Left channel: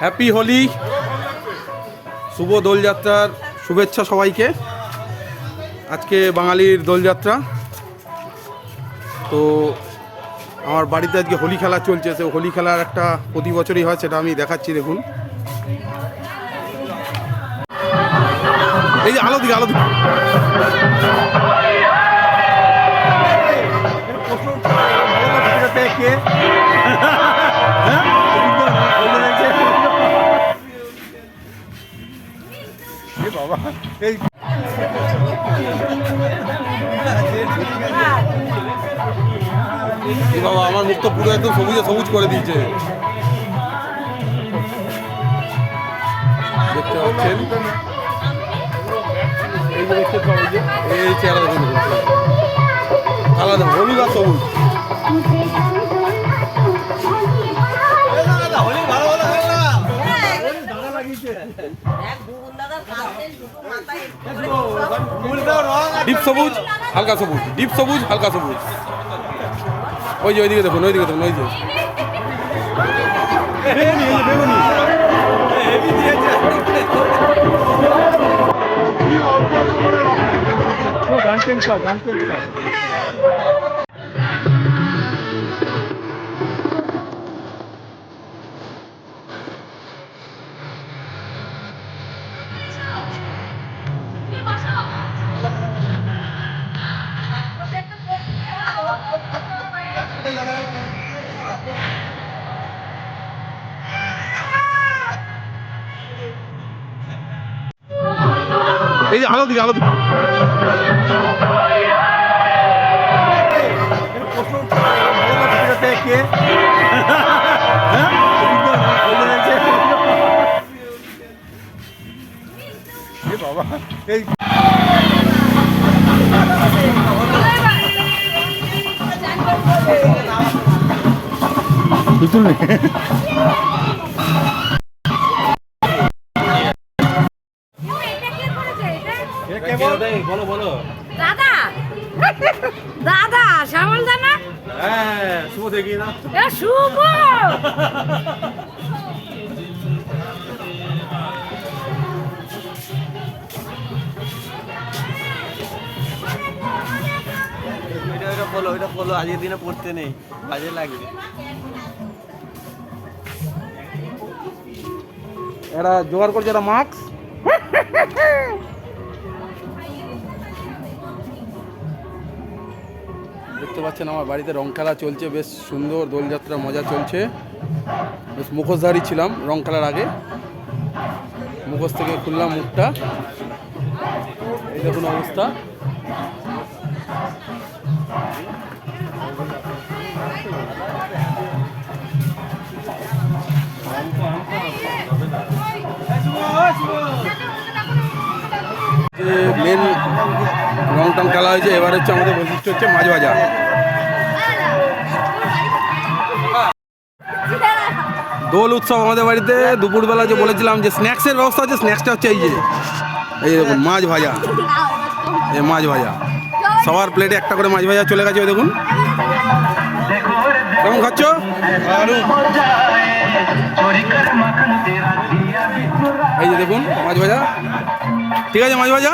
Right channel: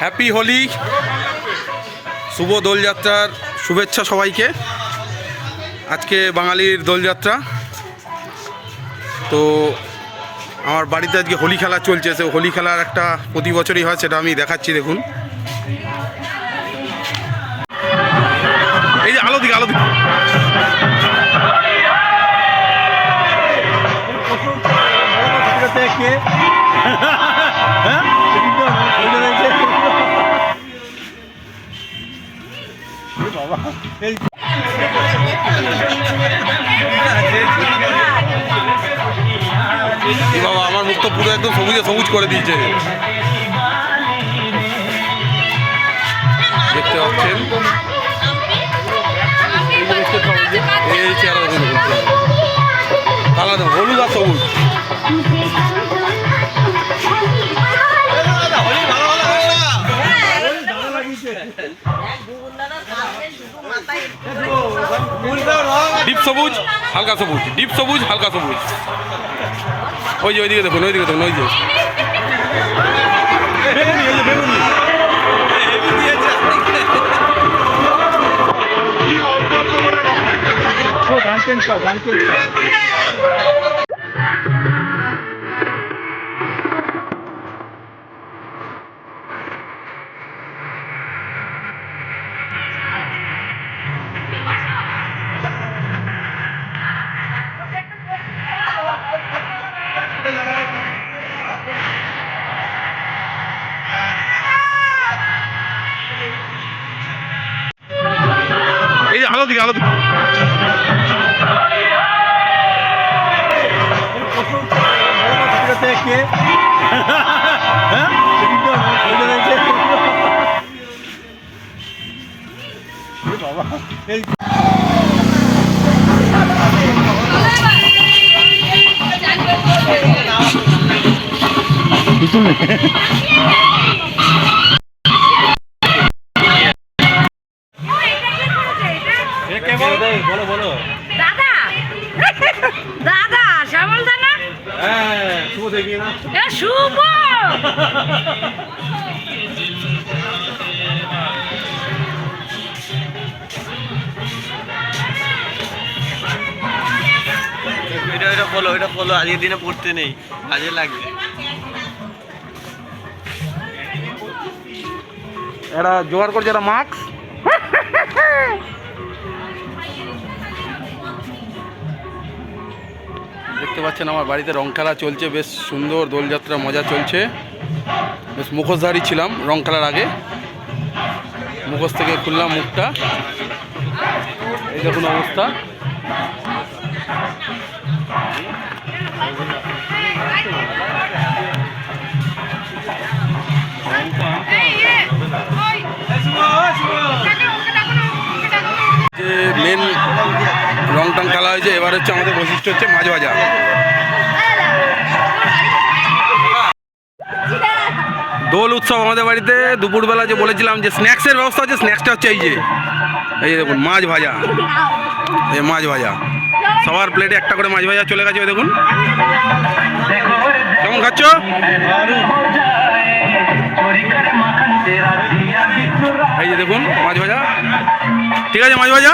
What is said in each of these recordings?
Happy Holi, শুভ দোলযাত্রার শুভেচ্ছা সবাইকে। আজকে বাঙালির দোলযাত্রা। তো আমার বাড়িতে আজকে হোলি খেলা চলছে সে হোলি খেলার একটা প্রতি বছরই হয়, সেটা আমি দেখাচ্ছি, দেখুন। এই যে আলো দিকে আলো দিকে। বাবা, আমার মুখ তো পুরো একদম সবুজে সবুজ করে দিয়েছে। দেখতে পাচ্ছেন? এই চেহারা। আলাদা, হলুদ আর সবুজ। ডিপ সবুজ হালকা সবুজ ডিপ সবুজ হালকা সবুজ ওই যে ওইদিকে দেখুন ওইদিকে দেখুন ওই যে এই আলো দিকে আলো দিকে বলো বলো। দাদা। দাদা শ্যামল দানা হ্যাঁ শুভ দেখি না। এ শুভ। এটা এটা এটা আজকের দিনে পড়তে নেই কাজে লাগবে। এরা জোগাড় করছে এরা মাস্ক? দেখতে পাচ্ছেন আমার বাড়িতে রং খেলা চলছে বেশ সুন্দর দোলযাত্রা মজা চলছে। বেশ মুখোশধারী ছিলাম রং খেলার আগে। মুখোশ থেকে খুললাম মুখটা। এই দেখুন অবস্থা। যে মেন রং টং খেলা হয়েছে, এবার হচ্ছে আমাদের বৈশিষ্ট্য হচ্ছে মাছ ভাজা। দোল উৎসব আমাদের বাড়িতে, দুপুরবেলা যে বলেছিলাম যে স্ন্যাক্সের ব্যবস্থা আছে স্ন্যাক্সটা হচ্ছে এই যে, এই দেখুন, মাছ ভাজা। এই মাছ ভাজা। সবার প্লেটে একটা করে মাছ ভাজা চলে গেছে দেখুন। কেমন খাচ্ছ? এই যে দেখুন, মাছ ভাজা। ঠিক আছে, মাছ ভাজা?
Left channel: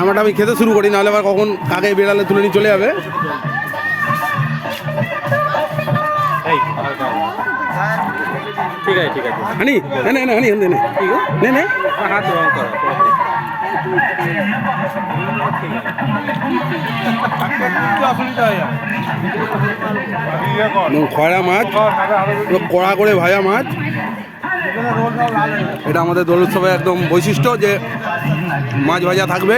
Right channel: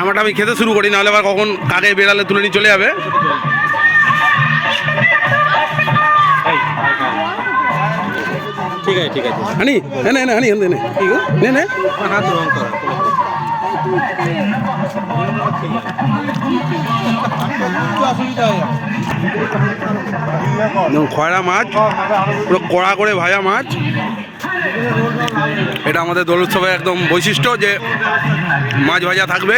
আমারটা আমি খেতে শুরু করি নাহলে আবার কখন কাকে বেড়ালে তুলে নিয়ে চলে যাবে। ঠিক আছে ঠিক আছে। হানি হ্যাঁ না না হানি নে। নে নে। নে দেখুন, খয়রা মাছ, পুরো কড়া করে ভাজা মাছ। এটা আমাদের দোল উৎসবের একদম বৈশিষ্ট্য যে মাছ ভাজা থাকবে।